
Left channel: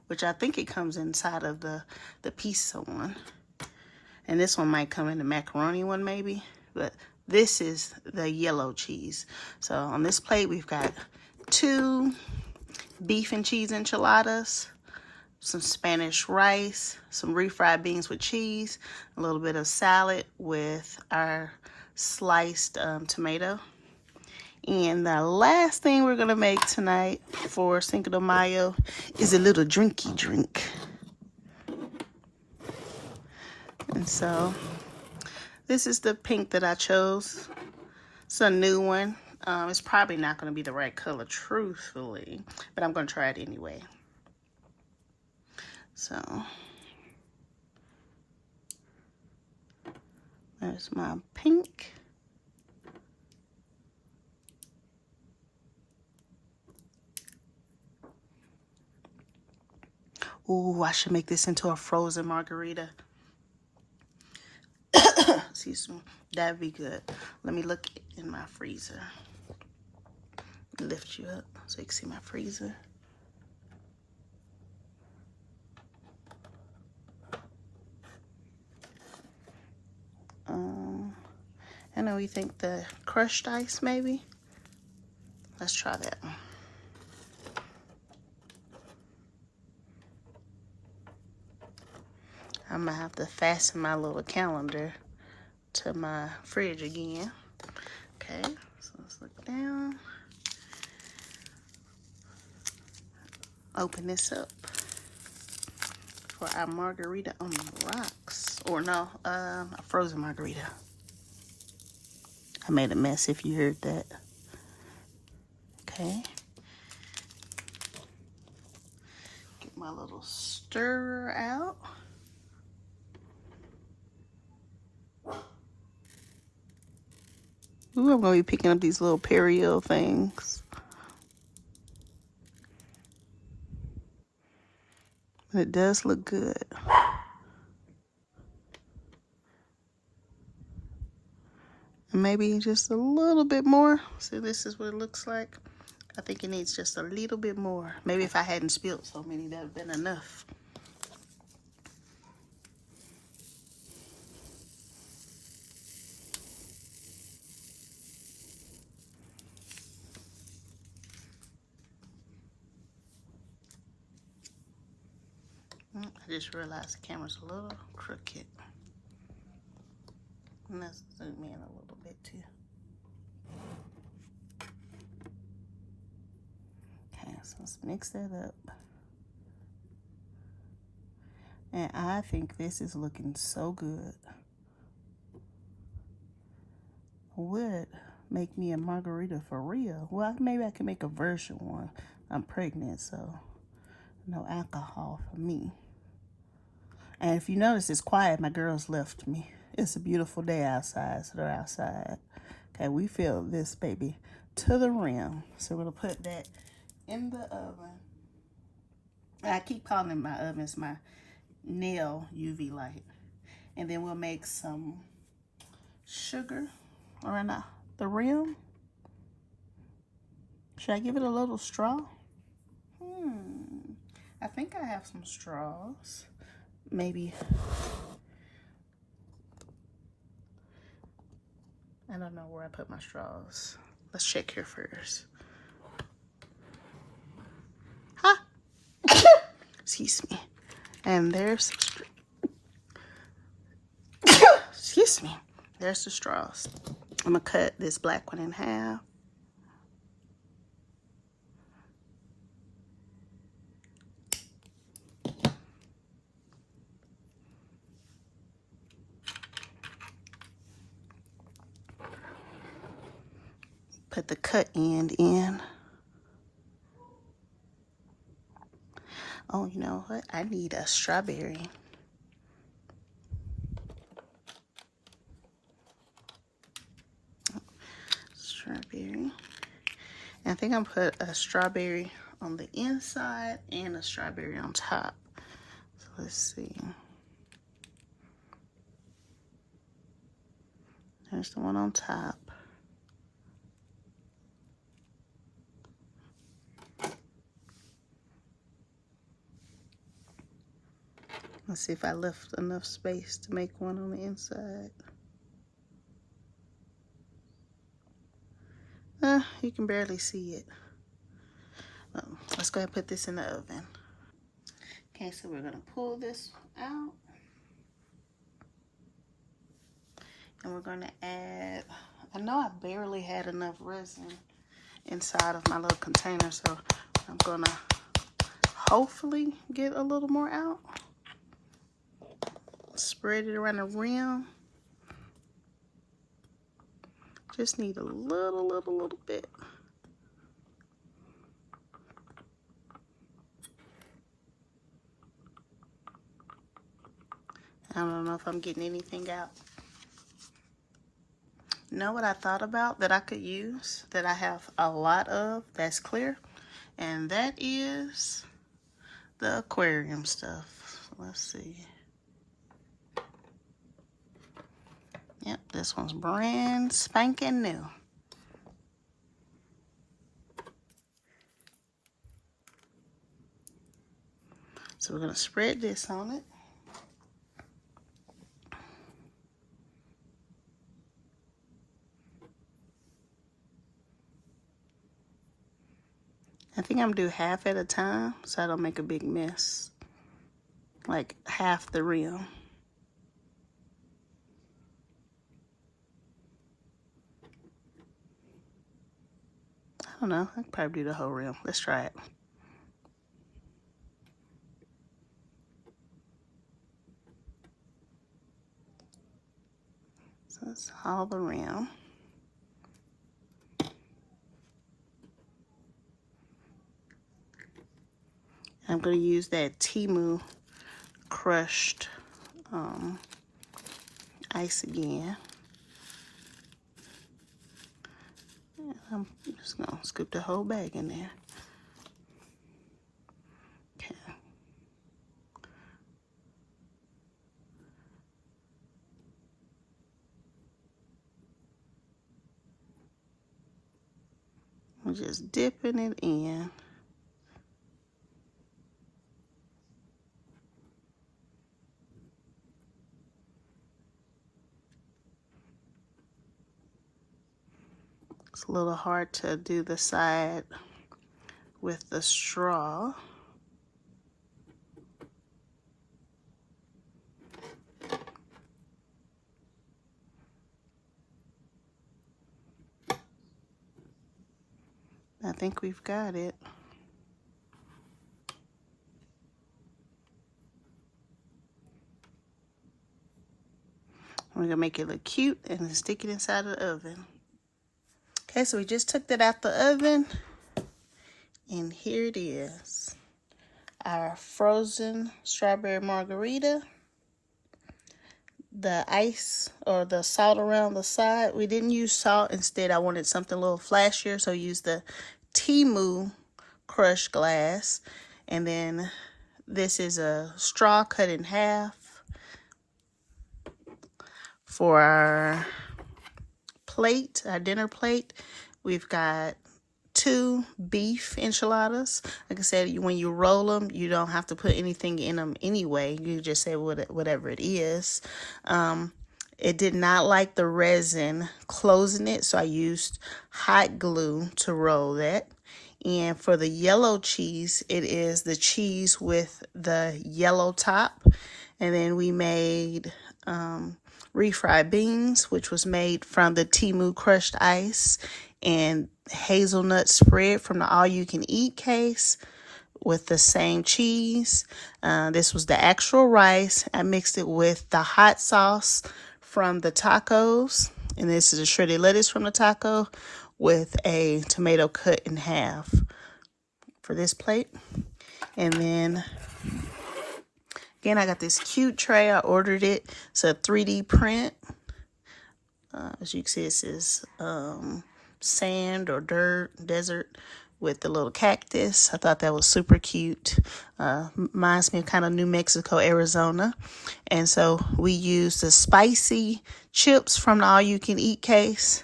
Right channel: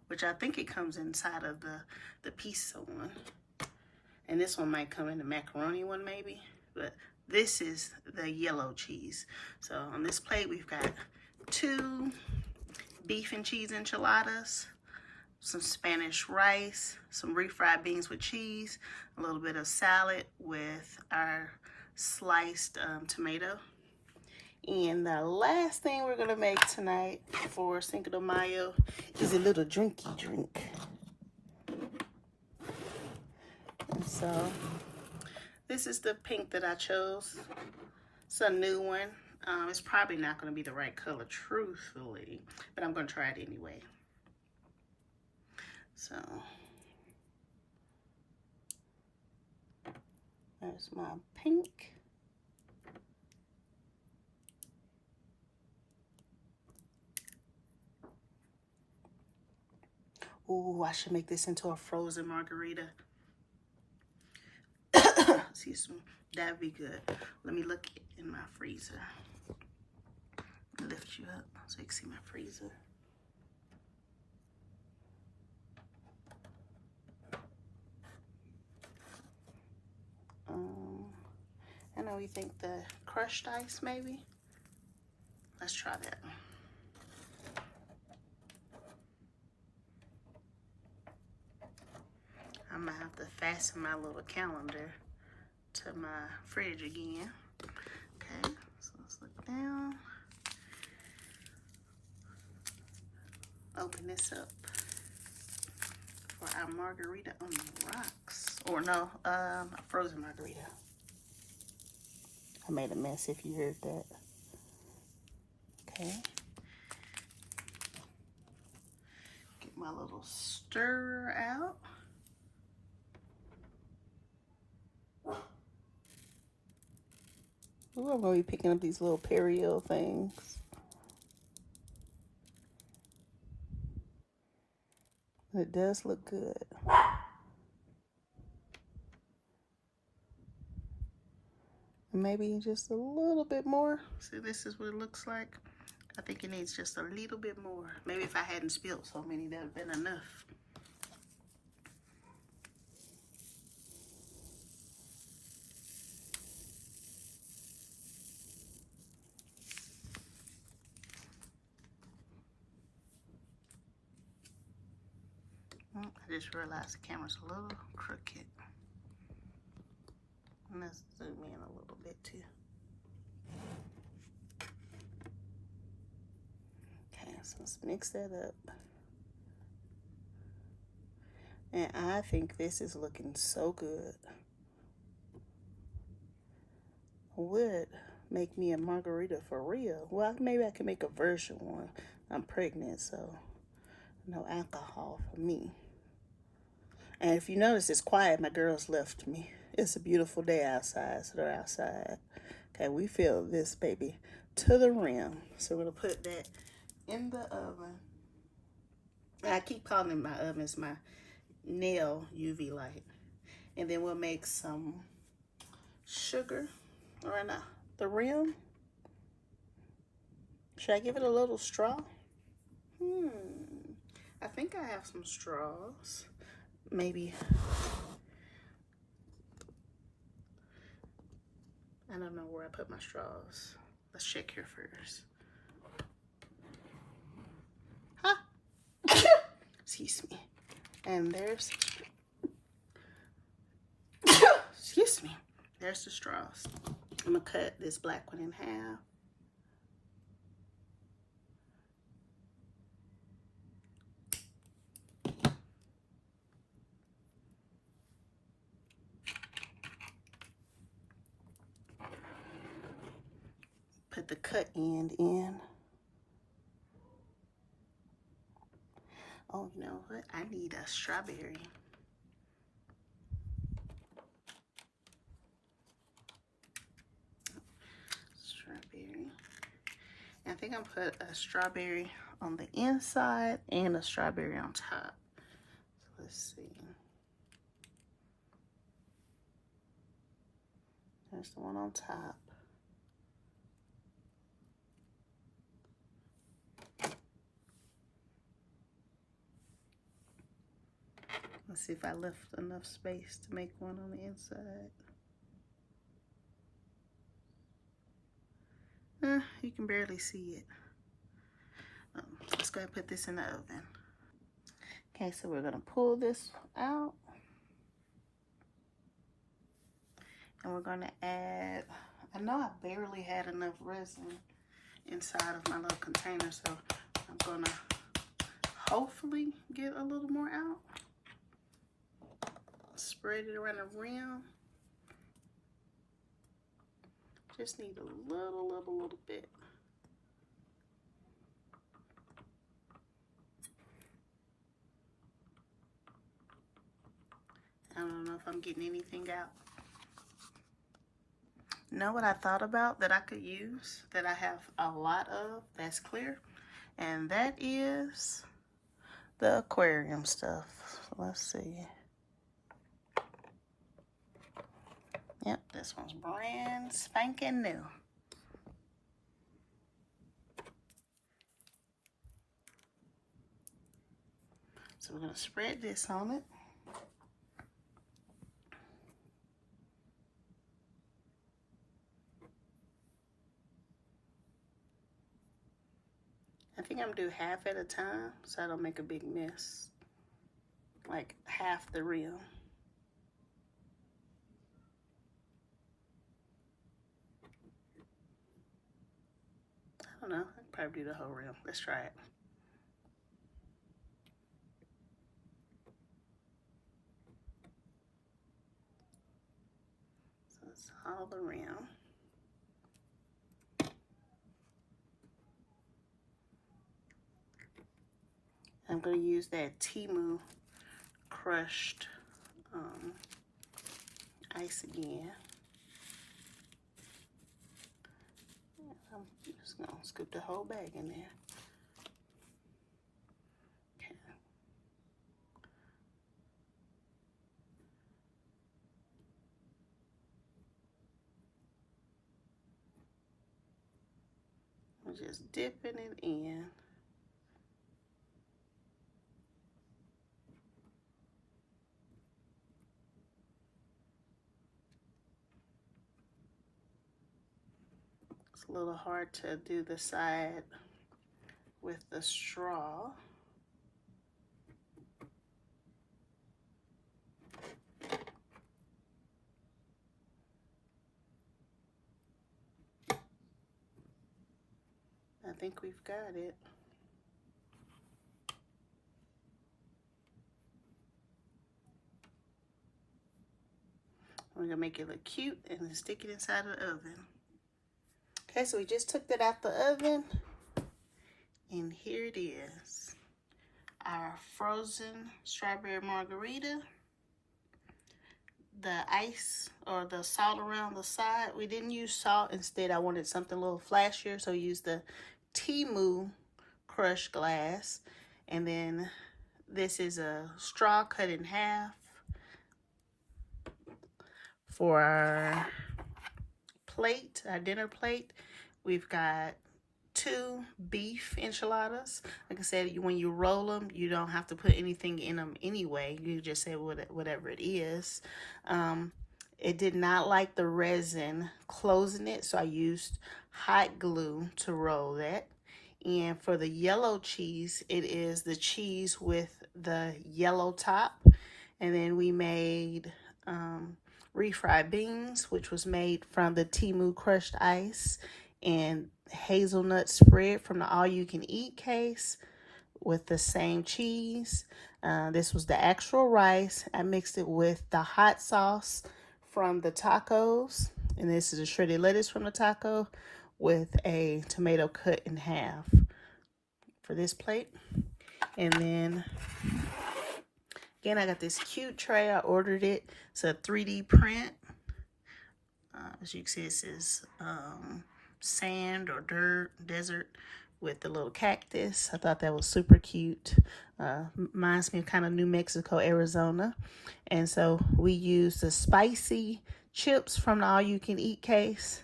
which I think it comes inside of the pizza one. And this one might come in the macaroni one maybe, but this is the yellow cheese. So on this plate, we've got 2 beef and cheese enchiladas, some Spanish rice, some refried beans with cheese, a little bit of salad with our sliced tomato. And the last thing we're gonna make tonight for Cinco de Mayo is a little drinky drink. And so this is the pink that I chose. It's a new one. It's probably not gonna be the right color, truthfully, but I'm gonna try it anyway. So there's my pink. Ooh, I should make this into a frozen margarita. Excuse me. That'd be good. Let me look in my freezer. Lift you up so you can see my freezer. I know you think the crushed ice maybe. Let's try that one. I'm gonna have to fasten my little calendar to my fridge again. Okay, so let's look down. Open this up for our margarita on the rocks. Or no, a frozen margarita. I made a mess if you heard that. Okay. Get my little stirrer out. Ooh, I'm gonna be picking up these little Periel things. It does look good. And maybe just a little bit more. So this is what it looks like. I think it needs just a little bit more. Maybe if I hadn't spilled so many, that would have been enough. I just realized the camera's a little crooked. Let's zoom in a little bit too. Okay, so let's mix that up. And I think this is looking so good. Would make me a margarita for real. Well, maybe I can make a version one. I'm pregnant, so no alcohol for me. And if you notice, it's quiet. My girls left me. It's a beautiful day outside, so they're outside. Okay, we fill this baby to the rim. So we're gonna put that in the oven. I keep calling it my oven. It's my nail UV light. And then we'll make some sugar around the rim. Should I give it a little straw? I think I have some straws. Maybe. I don't know where I put my straws. Let's check here first. Huh? Excuse me. And there's, excuse me. There's the straws. I'm gonna cut this black one in half. Put the cut end in. Oh, you know what? I need a strawberry. Strawberry. And I think I'm gonna put a strawberry on the inside and a strawberry on top. So let's see. There's the one on top. Let's see if I left enough space to make one on the inside. You can barely see it. Let's go ahead and put this in the oven. Okay, so we're gonna pull this out. And we're gonna add, I know I barely had enough resin inside of my little container, so I'm gonna hopefully get a little more out. Spread it around the rim. Just need a little bit. I don't know if I'm getting anything out. You know what I thought about that I could use, that I have a lot of that's clear? And that is the aquarium stuff. Let's see. Yep, this one's brand spanking new. So we're gonna spread this on it. I think I'm gonna do half at a time so I don't make a big mess. Like half the rim. I don't know, I could probably do the whole rim. Let's try it. So that's all the rim. I'm gonna use that Timu crushed ice again. And I'm just gonna scoop the whole bag in there. Okay. I'm just dipping it in. It's a little hard to do the side with the straw. think we've got it. We're gonna make it look cute and then stick it inside of the oven. Okay, so we just took that out the oven, and here it is. Our frozen strawberry margarita. The ice or the salt around the side, we didn't use salt. Instead, I wanted something a little flashier, so I used the Timu crushed glass. And then this is a straw cut in half for our plate, our dinner plate. We've got 2 beef enchiladas. Like I said, when you roll them, you don't have to put anything in them anyway. You just say whatever it is. It did not like the resin closing it, so I used hot glue to roll that. And for the yellow cheese, it is the cheese with the yellow top. And then we made refried beans, which was made from the Timu crushed ice, and hazelnut spread from the all-you-can-eat case with the same cheese. This was the actual rice. I mixed it with the hot sauce from the tacos, and this is a shredded lettuce from the taco with a tomato cut in half for this plate. And then again, I got this cute tray. I ordered it. It's a 3D print. As you can see, this is sand or dirt, desert with the little cactus. I thought that was super cute. Reminds me of kind of New Mexico, Arizona. And so we used the spicy chips from the all-you-can-eat case,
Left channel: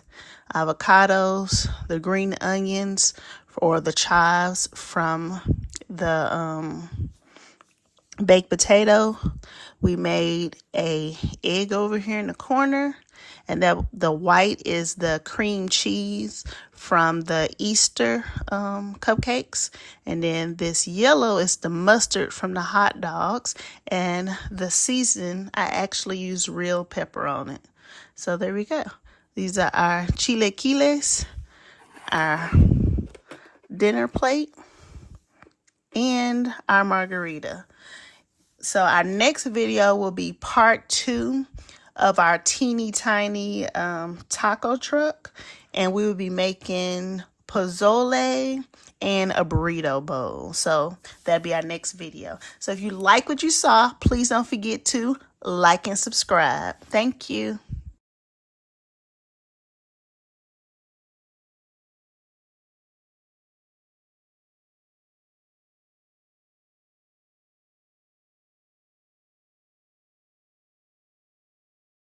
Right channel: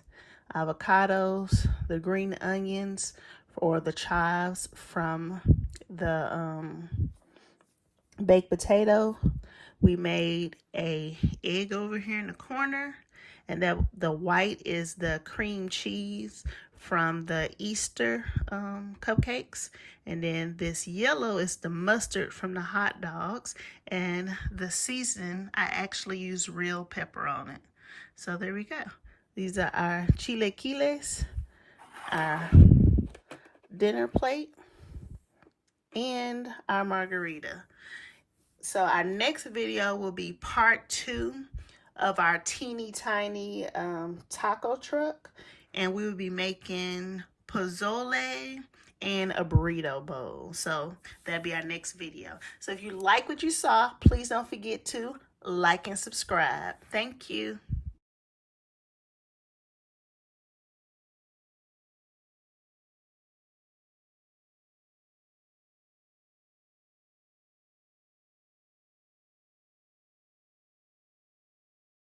avocados, the green onions, or the chives from the baked potato. We made a egg over here in the corner, and the white is the cream cheese from the Easter cupcakes. And then this yellow is the mustard from the hot dogs. And the season, I actually used real pepper on it. So there we go. These are our chilaquiles, our dinner plate, and our margarita. So our next video will be part 2 of our teeny tiny taco truck, and we will be making pozole and a burrito bowl. So that'll be our next video. So if you like what you saw, please don't forget to like and subscribe. Thank you.